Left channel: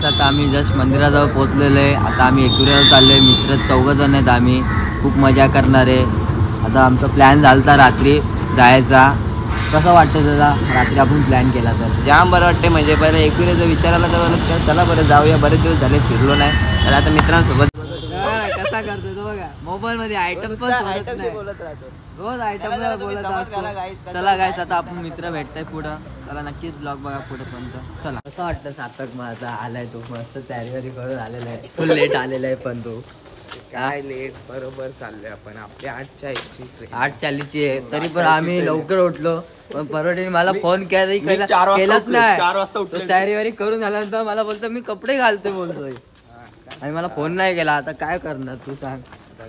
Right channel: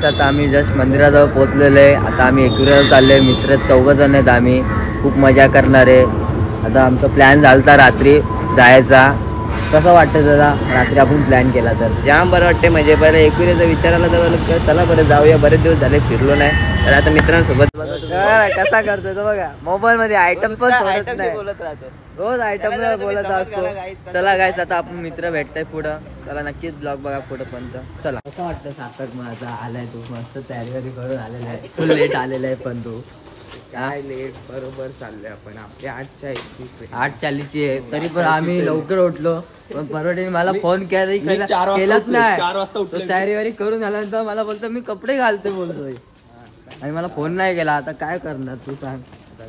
गाईस आता आम्ही जस्ट मंदिराजवळ पोहोचलेलो आहे. आता आम्ही एकविराला चालले आहे. मित्र 4 जण आहेत. आम्ही खूप मजा करणार आहे. आता आमचा प्लॅन झाला रात्री जायचा. कसं वाटतं दादा रात्री आपण प्लॅन केला तर? जाम बरं वाटते. म्हणजे बरं एकविराचा विचारायला तर चला बरं जाऊया, बरेच दिवस झाले फिरलो नाही. तर आता मित्रांसोबत कसा करतोय तो बघा. मोबाईल मध्ये आयटम पण सोडत नाही, रोज आयटम बोलत असतो. चला गाईस आता आपण मित्र भेटताय पुढं. चला नक्कीच ब्लॉग बघा पुढं पण. चला कसं वाटतं सार्थक माझा आलाय तू मस्त तयारी करून आलेला आहे. तू लेट आलेला आहे पण तू काय लेट बरोबर चाललोय आपण. आपली 8:40ची आहे तरी पण आम्ही लवकर उठलो. पण परवडे मला फोन केलाच नाही. तयारी वारी करून झाल्यानंतर मला बोलतो मी कपडे घालते बोलतोय आणि मला फोन नाही केला. आता काय करणार तू सांग.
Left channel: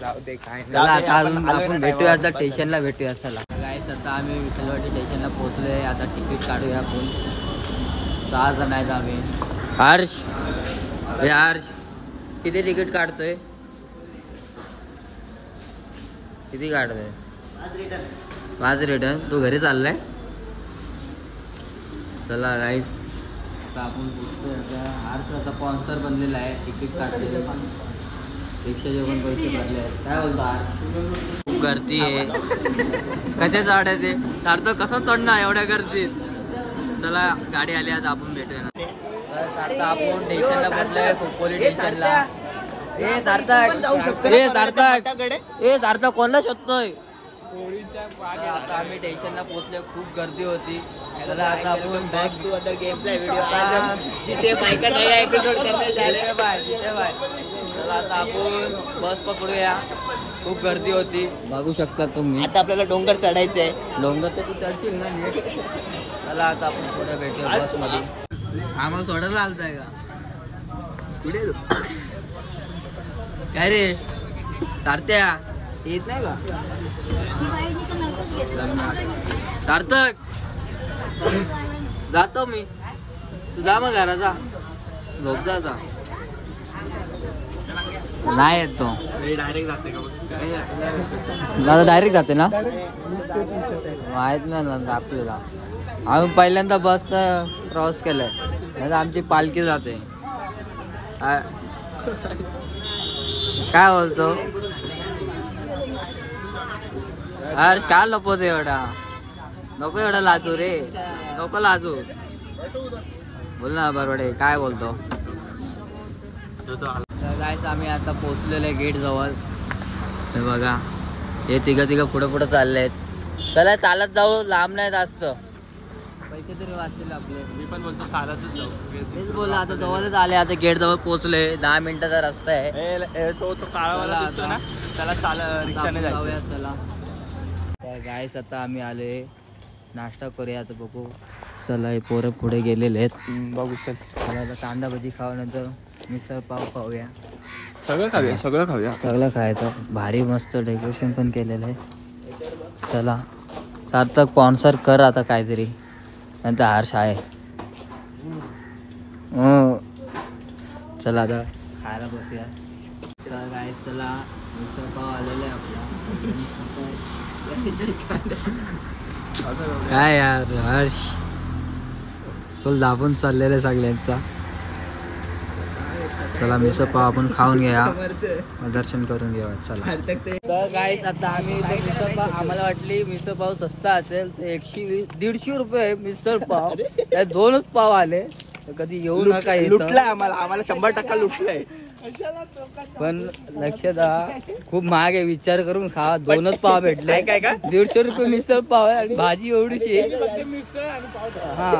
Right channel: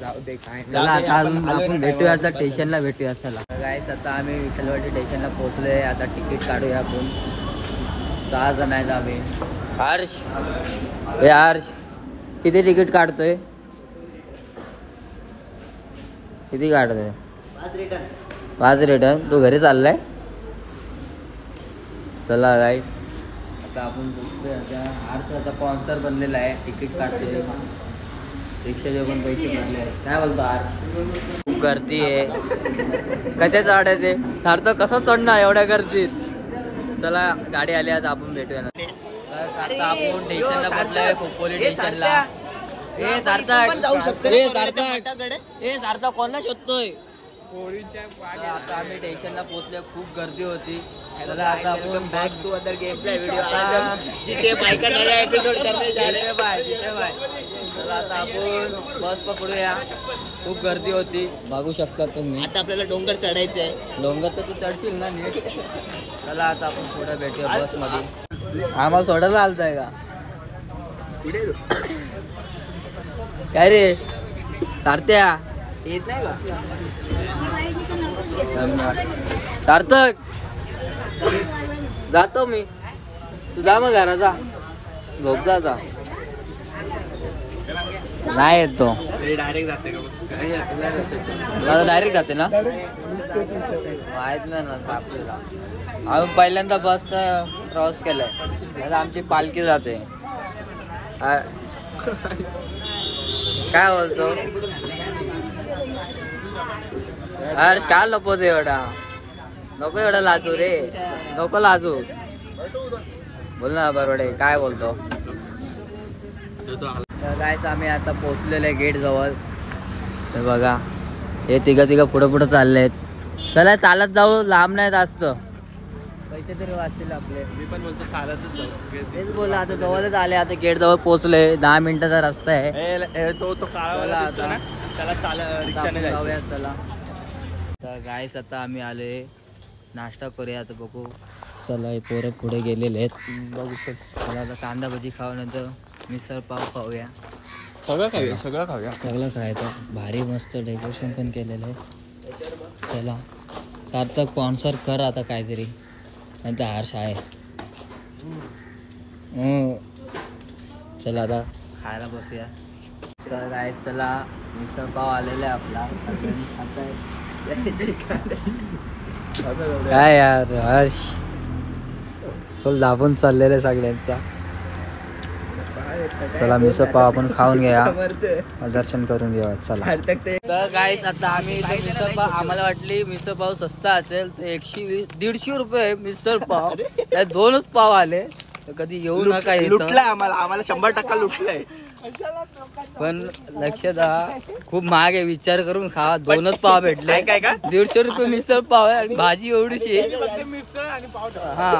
जाऊ दे काय चला आता अजून आपण भेटूया. आता स्टेशनला भेटूया. चला गाईस आता आम्ही विठ्ठलवाडी स्टेशनला पोहोचलोय. आता तिकीट काढूया आपण. 6 जण आहेत आम्ही. हर्ष हे हर्ष किती तिकीट काढतोय? किती काढतोय? 5 रिटर्न. तू घरी चाललाय? चला गाईस आता आपण पोहोचतोय. आता हर्ष आता स्पॉन्सर बनलेला आहे. तिकीट काढतोय. रिक्षाचे पण पैसे भरले आहेत. काय बोलतो हर्ष? खूप गर्दी आहे. कशा चढायचे सारखं कसं चढणार एवढ्या गर्दीत? चला गाडी आली. आता आपण भेटूया ना. आता आपण स्टेशनला पोहोचलोय. खोपोली स्टेशनला. ए सार्थक कोणला शोधतोय? आता आम्ही स्टेशनला पोहोचलोय. खूप गर्दी होती. चला आता आपण back to other game play video. चला आता आपण बस पकडूया. खूप गर्दी होती बघू शकता तुम्ही. आता आपल्याला डोंगर चढायचंय. डोंगर तर तू चढशील ना नीट. चला आता आपण पुढे भेटूया बस मध्ये. आम्हाला सोडायला आलताय का काय रे सारथ्या? येत नाही का सार्थक? जातो मी. तू जा मग घराचा झोप जा. नाही येत तो. डायरेक्ट जाते मला डायरेक्ट जाते ना? माहित नाही ना आपल्याला. आम्ही पहिल्यांदा बस प्रवास केलाय. नाही आमची पालखी जाते. काय बोलतो हर्ष? काय लपवतो एवढा? नको एवढा लाजू रे. नको लाजू. बोल ना बरोबर. काय बोलतो? जायचं आम्ही आता पोहोचलेलो आहे गेट जवळ. हे बघा हे तिघं पुढं चाललेत. चला चालत जाऊ. लांब नाही जास्त. पैसे तरी वाचतील आपले. मी पण बोलतो चालतच जाऊ. तेच बोला. आता जवळच आले. आता गेट जवळ पोहोचले. 10 मिनिटाचा रस्ता आहे. चला आता जाऊया. चला तर गाईस आता आम्ही आले. नाश्ता करूया आता बघू. चला हे पोरं पुढे गेलेले आहेत बघू शकतो. आता कांदा भजी खाऊ नंतर मिसळ पाव खाऊया. सगळं खायचं. भारी मस्त डेकोरेशन पण केलेलं आहे. चला सार्थक स्पॉन्सर कर आता काहीतरी. नंतर हर्ष आहे. चला आता खायला बसूया. तर गाईस चला मिसळ पाव आलेला आहे आपला. काय यार हर्ष फुल दाबून चाललेलं आहे सगळ्यांचा. चला मिसळ पाव आपण खाऊन घ्या. दर्शन करून घेऊया. चला तर गाईस आता आम्ही मिसळ पाव. आम्हाला वाटली मिसळ पाव स्वस्त असेल तर 120-150 रुपये मिसळ पाव. त्यात 2च पाव आले. तर कधी येऊ नका. लुटलाय आम्हाला 100% लुटलंय. पण लक्ष द्या खूप महाग आहे. विचार करून खा. 2च पाव भेटले. 150 रुपये मिसळ पाव आहे आणि भाजी एवढीशी. हा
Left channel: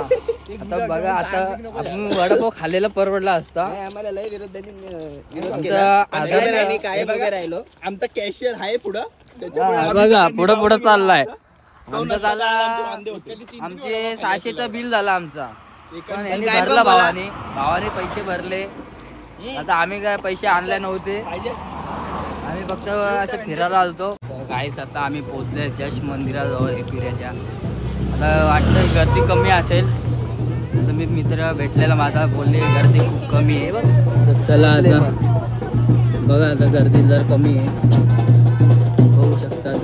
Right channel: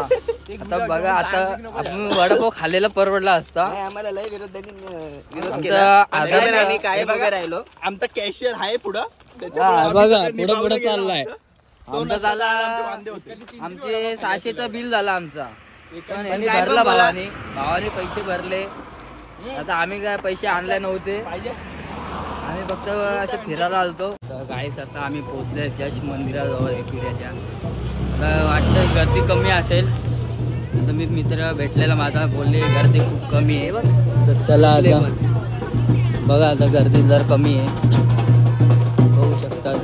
आता बघा. आता आपण वडापाव खाल्लेला परवडला असता. आम्हाला लय विरोध राहिलो. आमचा कॅशियर आहे पुढं. बघा पुढं चाललाय. आमचे 600चं बिल झाला आमचा. पण यांनी भरला. भावाने पैसे भरले. आता आम्ही काय पैसे आणले नव्हते. आम्ही फक्त असं फिरायला आलतो. गाईस आता आम्ही पोहोचले जस्ट मंदिराजवळ एकविराच्या. आता वाटतं गर्दी कमी असेल. आता मी मित्र भेटलेला माझा बोलले गर्दी खूप कमी आहे. तर चला आता बघा. आता गर्दी जर कमी आहे बघू शकतात.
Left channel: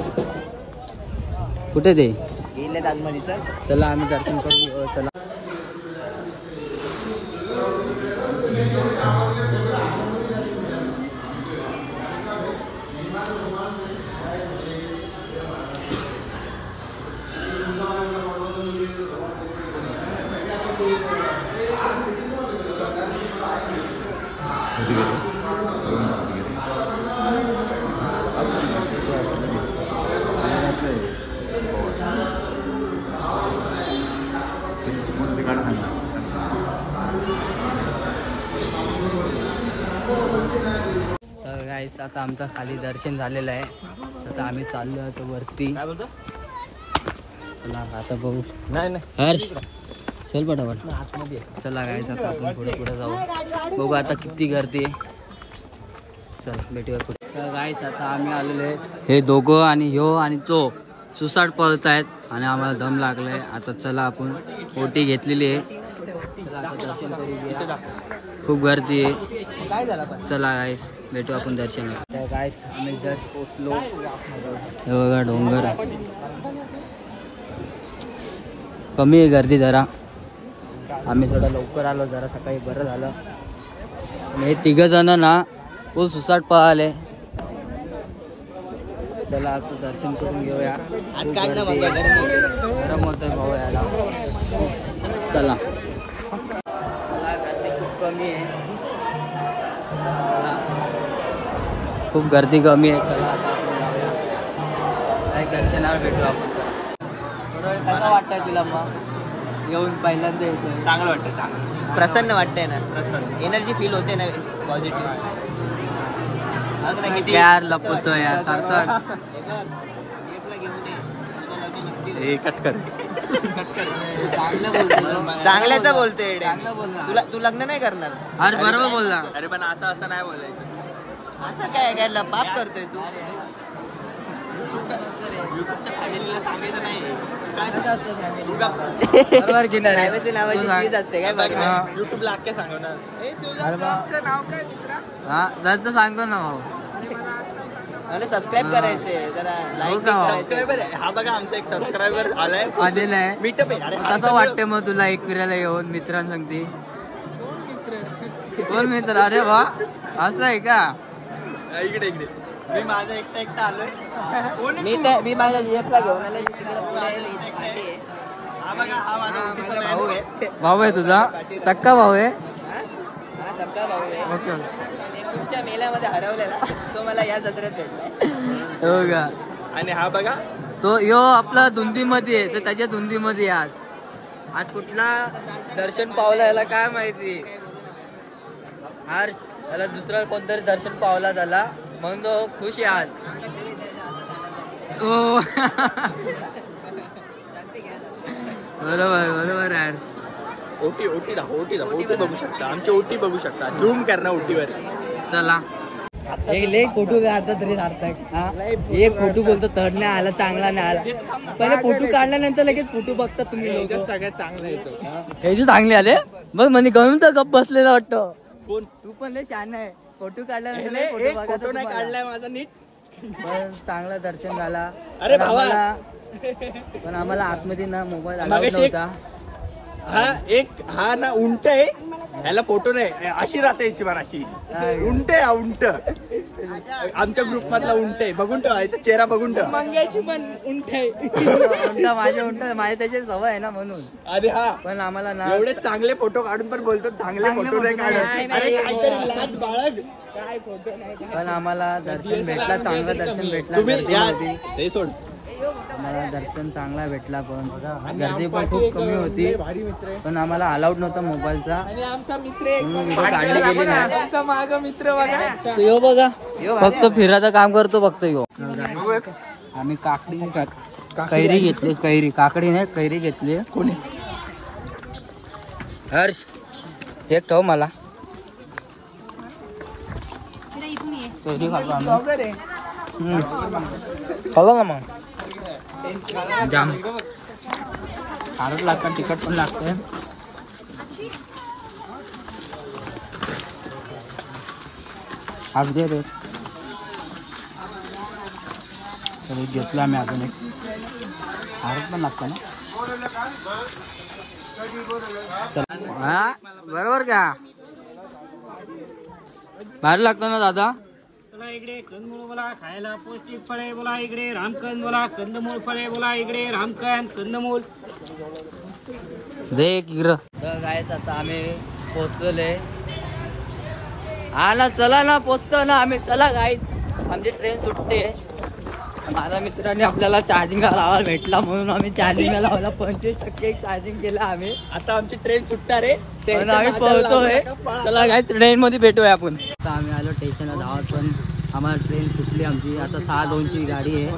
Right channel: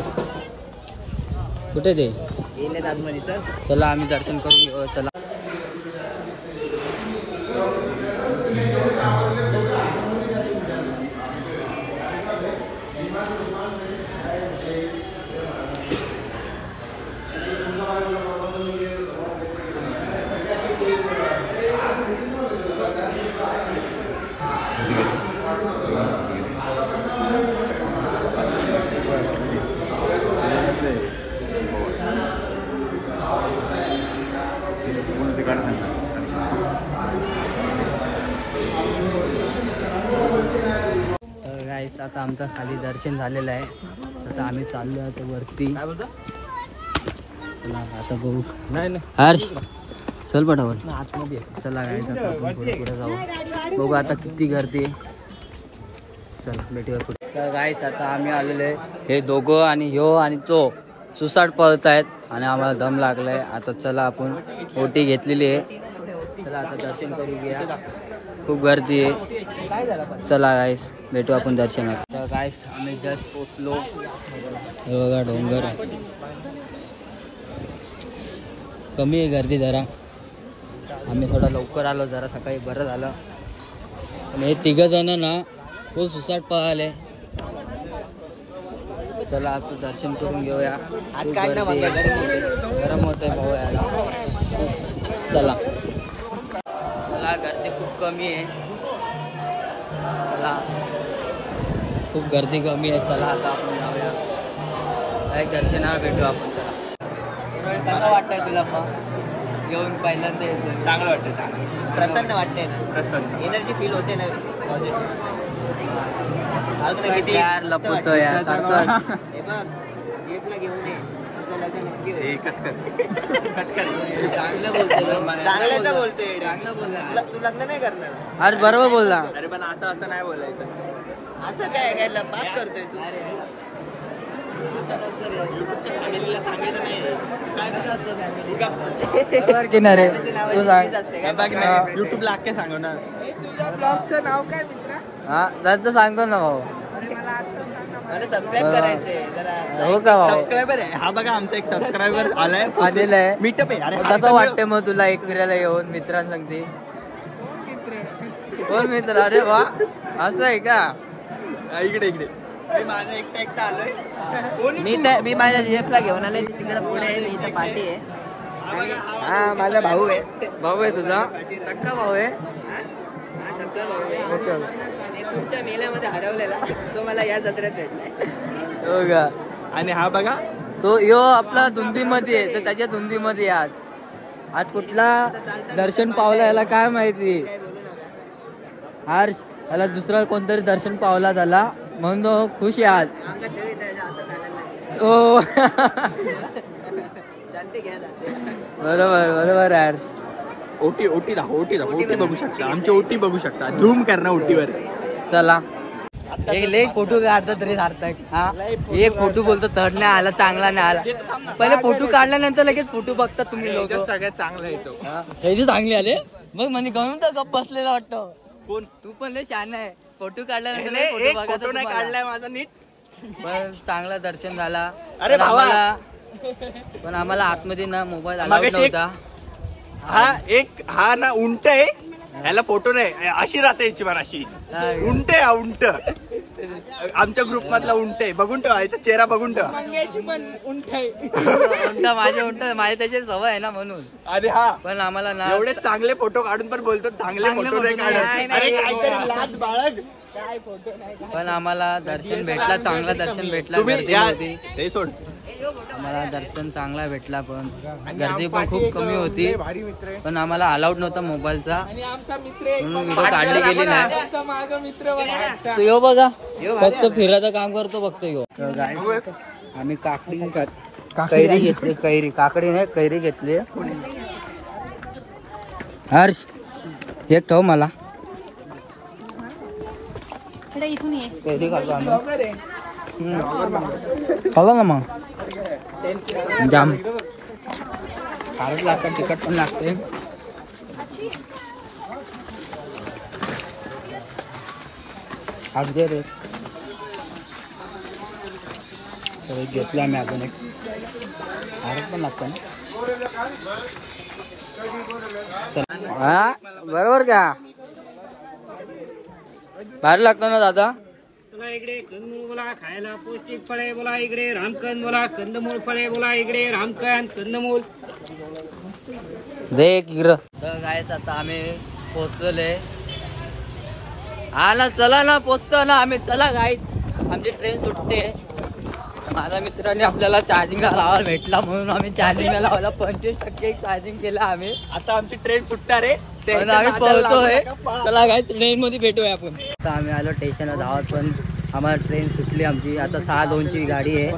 कुठे ते गेले आगमनी. चला आम्ही दर्शन करून घेऊ. चला तर गाईस आता आमचं खाली दर्शन झालेलं आहे. आता आम्ही चाललो आता वरती. चला आता बघू. नाही हर्ष चल पटापट. चला गाईस आता आपण पुढे पुढे जाऊ. बघू आता किती गर्दी आहे. चल भेटूया पुढे. तर गाईस आता आम्ही आलेलो आहे. हे दोघं आणि ह्यो आणि तो सुसाट पळत आहेत आणि आम्हाला दम लागलाय. आता चला आपण ओटी घेतलेली आहे. चला आता दर्शन करू घ्या. खूप गर्दी आहे. चला गाईस भेटू आपण दर्शनात. तर गाईस आम्ही जस्ट पोचलो. हे बघा डोंगर. कमी आहे गर्दी जरा. आम्ही थोडा लवकर आलो जरा सकाळी बरं झालं. आणि हे तिघ जण ना फुल सुसाट पळाले. चला आता दर्शन करून घेऊया. गरम होतंय भाऊ याला. चला चला गर्दी खूप कमी आहे. चला खूप गर्दी कमी आहे. चला आता आपण जाऊया. एक दर्शनाला भेटू आपण. चला कसं वाटतंय तुला मग येऊन पहिल्यांदा येतो? चांगलं वाटतं. प्रसन्न वाटतंय ना. एनर्जी फील होते ना पॉझिटिव्ह. यार लपवतो यार सार्थक. घेऊन ये तुझं लग्न नक्की होईल. चांगलं बोलतो. चांगल्याचं बोलतोय. चांगलं बोलला. तू लग्न नाही करणार? अरे बरोबर बोलला. अरे पण असं नाही बोलायचं. असं काय काय पाप करतोय तू? बरोबर की नाही रे? तू सांग. असते काय हा त्याचं सांगतो ना भाऊ. मला सबस्क्राईब करायचंय जरा. हो का भाऊ? आलेलं आहे. कसं वाटतंय मग तुला एक फिरायला येऊन मित्रांसंगती? कोण मित्र? अरे वा असं आहे का? मी माझा एकटा आलोय. मी माझ्या जेफला घेऊन आलोय. तिकडे पुढे आहे. इथे पाठी आहे. हा माझा भाऊ आहे. भाऊ आहे तुझा? सक्का भाऊ आहे? हा सक्का भाऊ आहे. Okay okay. तुमच्या मेल्यामध्ये हरवलेला तो मला या जत्रेत भेटलाय. हो का? आणि हा बघा तो यो आपला धुंदीमध्ये आहे. तर त्याच्या धुंदीमध्ये आज कुठला दर्शन पावला याला काय माहिती. हर्ष याला दुसरा कोणतरी दर्शन पावला त्याला म्हणून तो खुश आहे आज. हो बरोबर बरोबर हर्ष. ओटी बघू शकता. झूम कर ना ओटीवर. चला एक फोटो काढतो तरी सार्थक. हा एक फोटो बोलतो तर नाही आला चांगला नाही आला. पहिले फोटो काढल्यानंतर लगेच फोटो बघता तुम्ही लोक. सगळ्यात चांगला येतो. हे जे चांगले आले बघ म्हणजे गणून तर गप बसलेला वाटतं. कोण? तू पण लय छान आहे. फोटो काढल्यानंतर फोटो नाही काढलाय माझा नीट. पण चांगला दर्शन झाला. अरे पण आम्हाला आतमध्ये ना मोबाईल अलाउड नव्हता. हा ना उंट आहे. ह्याला फोटो नाही. अशी राहते याची पण अशी उंट आहे. हा उंट आमच्या ग्रुप मधला उंट आहे. बघून ठेवा याचा चेहरा बघून ठेवा. मंग्याची पण उंट आहे. माझ्या त्याची सवय आहे ना म्हणून. अरे हा पण आम्हाला ना एवढे चांगले फोटो काढून पण बोलतो चांगले फोटो नाही काढत. अरे काहीतरी लाज बाळग. पण आम्हाला दर्शन भेटला. चांगला दर्शन भेटला. हे सोड. आम्हाला दर्शन चांगला भेटला. पण गर्दी पण खूप कमी होती. पण आम्हाला अलाउड नव्हता मोबाईलचा. म्हणून व्हिडिओ काढली गेली नाही. तू यो बघा फक्त फिरायचं काम करतो फक्त यो. आम्ही काकडी कैरी घेतली. काकडी नाही कैरी घेतली. हर्ष एक ठेव मला. कैरी खातो आम्ही. खातो ना मग जाम खारट लागतात. तिखट पण लागते. अगदी रे घेतला आम्ही अजून एक. खारट पण लागतं ना. हा बरोबर का? भारी लागतो ना दादा. इकडे कंदमूळ बोला खायला पौष्टिक फळे बोला. इकडे रामकंद बोला. कंदमूळ फळे बोला. इकडे रामकंद कंदमूळ. दे गिर. गायस आता आम्ही पोहोचले हा ना चला ना पोचतो ना आम्ही. चला गाईस आमची ट्रेन सुटते. माझ्या मित्रांनी आपल्याला चार्जिंगला लावायला भेटला म्हणून आम्ही चार्जिंगला लावायला 25% चार्जिंग केलं आम्ही. आता आमची ट्रेन सुटणार आहे पण आम्ही पळतोय. चला गाईस ट्रेन मध्ये भेटूया आपण. आता आम्ही आलो स्टेशनला धावत पण आम्हाला ट्रेन सुटली आमची. आता 6:02ची गाडी आहे.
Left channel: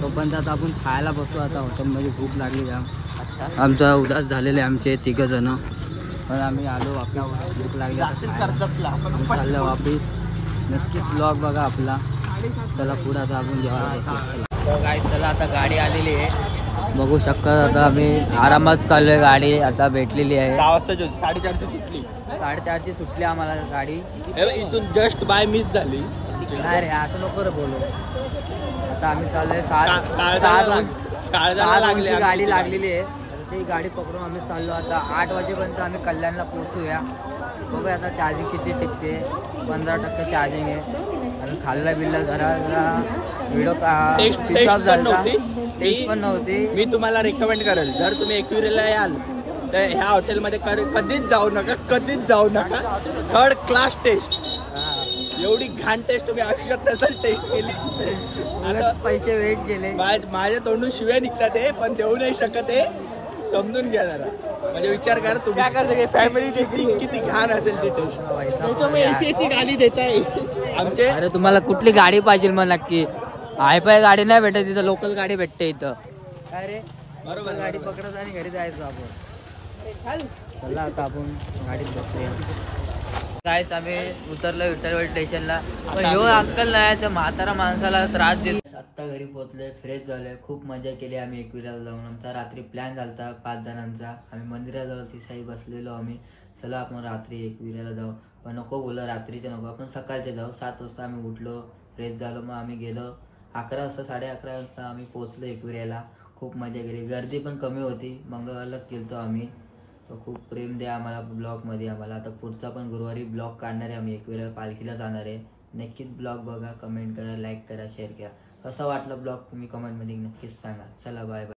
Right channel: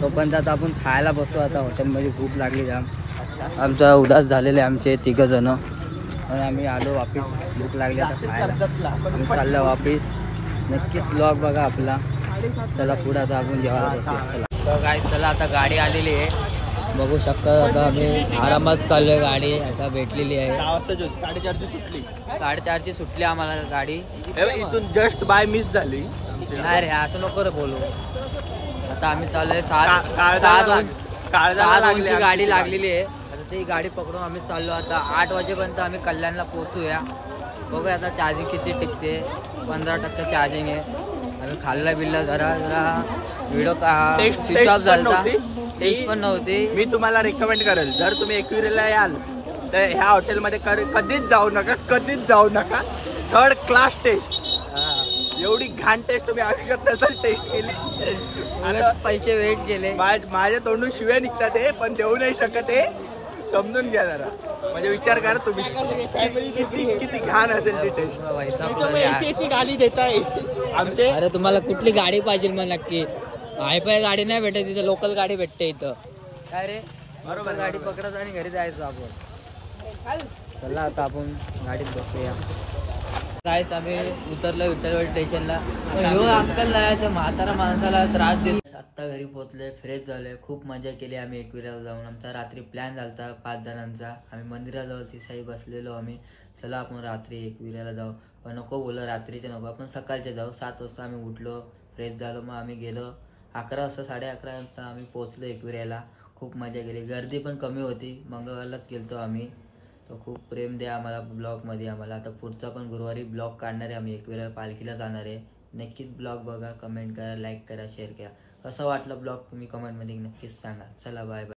तोपर्यंत आता आपण खायला बसू. आता हॉटेलमध्ये भूक लागली जाम. आमचा उदास झालेले आमचे 3 जण. आम्ही आलो वापिस. भूक लागली आता खायला. आम्ही चाललो वापिस. नक्कीच ब्लॉग बघा आपला. चला पुढे आता आपण जेवायला बसू. चला तर काय चला आता गाडी आलेली आहे बघू शकता. आता आम्ही आरामात चाललोय. गाडी आता भेटलेली आहे. 4:30ची सुटली. 4:30ची सुटली आम्हाला गाडी. इथून जस्ट बाय मिस झाली. नाही रे असं नको रे बोलू. आता आम्ही चाललोय 6:02ची गाडी लागलेली आहे. आता ती गाडी पकडून आम्ही चाललो. आता 8 वाजेपर्यंत आम्ही कल्याणला पोहोचूया. बघूया आता चार्जिंग किती टिकते. 15% चार्जिंग आहे. आम्ही खाल्ला बिल्ला जरा व्हिडिओ स्विच ऑफ झाला. टेस्ट पण नव्हती. मी तुम्हाला रेकमेंड करेल जर तुम्ही एकविरेला याल तर ह्या हॉटेलमध्ये कधीच जाऊ नका. 3rd class taste. एवढी घाण टेस्ट तुम्ही आयुष्यात नसेल टेस्ट केली. पैसे वेट केले. माझ्या तोंडून शिव्या निघतात हे पण देऊ नाही शकत हे. समजून घ्या जरा. म्हणजे विचार करा तुम्ही फॅमिली किती घाण असेल ती टेस्ट. गाडी देताय आमचे अरे तुम्हाला कुठली गाडी पाहिजे मग नक्की. हायफाय गाडी नाही भेटत इथं. लोकल गाडी भेटते इथं. काय रे बरोबर गाडी पकडत आणि घरी जायचं आपण. चला आता आपण गाडीत बसूया. जायचं आम्ही उतरलो विठ्ठलवाडी स्टेशनला. पण ह्यो अंकल नाही त्या म्हातारा माणसाला त्रास देत. आत्ता घरी पोहोचले. फ्रेश झालोय. खूप मजा केली आम्ही एकविराला जाऊन. आमचा रात्री प्लॅन झालता 5 जणांचा. आम्ही मंदिराजवळ तिसाई बसलेलो आम्ही. चला आपण रात्री एकविराला जाऊ. पण नको बोललं रात्रीचे नको आपण सकाळचे जाऊ. 7 वाजता आम्ही उठलो फ्रेश झालो. मग आम्ही गेलो 11 वाजता 11:30 वाजता आम्ही पोहोचलो एकविराला. खूप मजा केली. गर्दी पण कमी होती. मंगळवारलाच गेलतो आम्ही. तो खूप प्रेम द्या आम्हाला ब्लॉगमध्ये. आम्हाला आता पुढचा पण गुरुवारी ब्लॉग काढणार आहे आम्ही. एकविरा पालखीला जाणार आहे. नक्कीच ब्लॉग बघा. कमेंट करा, लाईक करा, शेअर करा. कसा वाटला ब्लॉग तुम्ही कमेंटमध्ये नक्कीच सांगा. चला बाय बाय.